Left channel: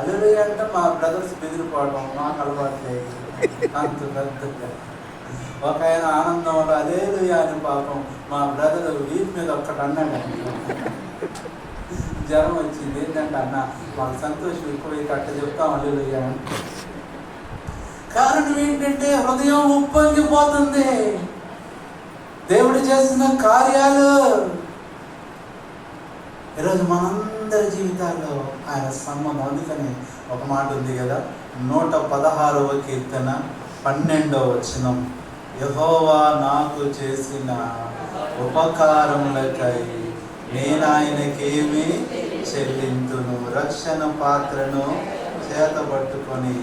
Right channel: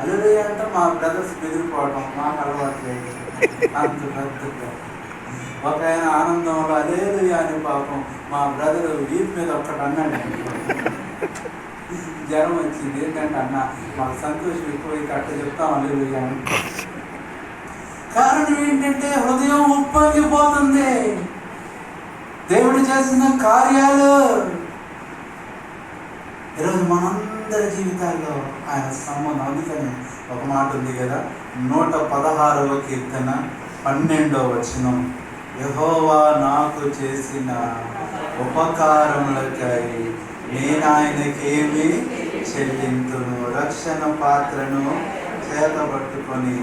హల్లెలూయా అంటే మా బ్రదర్స్ బెదిరిపోవడం మాకు అలవాటు లేదు. అంత పెద్ద ఒక ఆయన ఆనందంలో హల్లెలూయా అని పాపం మా బ్రదర్ వీపు మీద ఒక్కటి అన్నాడు. జ్వరం వచ్చింది. ఏంటంటే అన్న మాకు సంతోషం ఎక్కువైతే అట్ట చెప్తాం హల్లెలూయా అని. కారణం ఏంటంటే హృదయం ఉప్పొంగిపోతుంది దేవుడు చేసిన కార్యాలు. ఈరోజు మనందరి జీవితాల్లో ఆయన సంబంధం. అందుకని ఒక మాట ఉంది కదా, 116వ కీర్తన 12వ వచనం, యెహోవా నాకు చేసిన ఉపకారములకై నేను ఆయనకేమి చెల్లింతును, రక్షణ పాత్రను చేతబట్టుకొని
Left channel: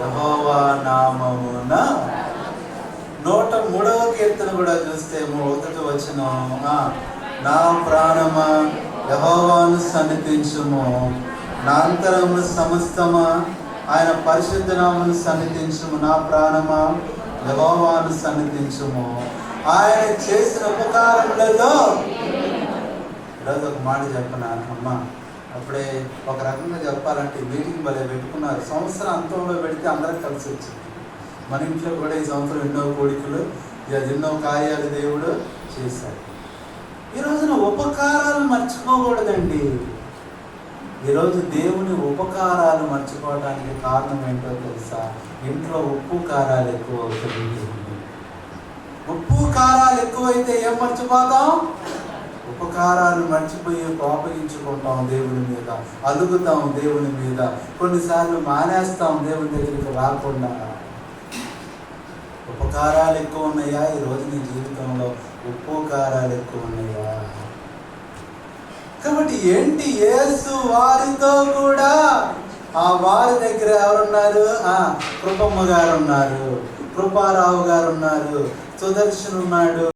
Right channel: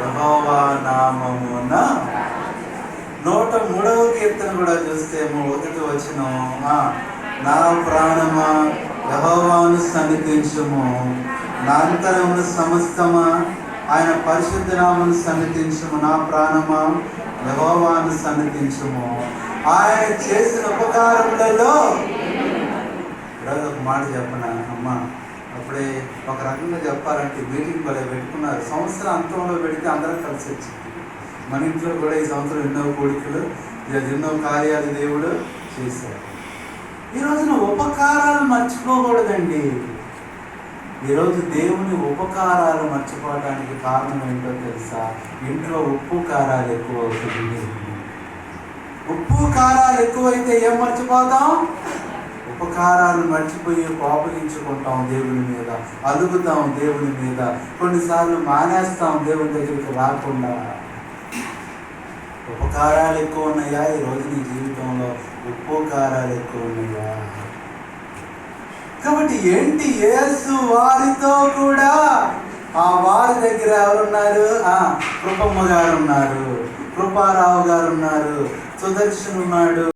యెహోవా నామమున. 103వ కీర్తన కూడా చూస్తే 1వ వచనం, నా ప్రాణమా యెహోవాను సన్నిధించుము, నా అంతరమును సమస్తమా ఆయన పరిశుద్ధ నామమును సన్నిధించుము, నా ప్రాణమా యెహోవాను సన్నిధించుము, ఆయన చేసిన ఉపకారములలో. ఈరోజు ఒక మాట చెప్పనా అమ్మ, అప్పుడే ఒక రకంగా చెప్పాలంటే మీటింగ్ భలే పెట్టుకున్నారు. సంవత్సరం అంతంలో పెడితే అందరం కలిసి వచ్చింది. మన ఇంట్లో కూడా ఈ సంవత్సరం ఎన్నో కోరికలు, ఎన్నో కార్యాలు దేవుడు చేశాడు. ఈ రోజున ఉపకారాలు మర్చిపోకూడదండి. ఈరోజు దేవుని ఉపకారాలు మర్చిపోవడానికి కారణం ఏంటో తెలుసా? ఇంట్లో ఉప్పు కారాలు ఎక్కువ అవుతుంది. ఉప్పు కారాలు ఎక్కువైతే ఏం మర్చిపోతాం? ఉపకారాలు మర్చిపోయి కోపగించుకుంటాం దేవుని మీద, అలుగుతాం దేవుని మీద, కొన్నిసార్లు మానేస్తాం దేవుని దగ్గరికి రాకుండా. ఉపకారాలు ఎక్కువ ఉన్నాయా ఈరోజు నీ జీవితంలో? ఉప్పు కారాలు ఎక్కువ ఉన్నాయా? కాబట్టి ఏంటి, యేసు వారితో కూడా, ఆ వారి దగ్గర ఎవరున్నారు? కృపమ్మ గారు ఉన్నారు, కృపారావు గారు ఉన్నారు, సుదర్శన్ ఉన్నాడు.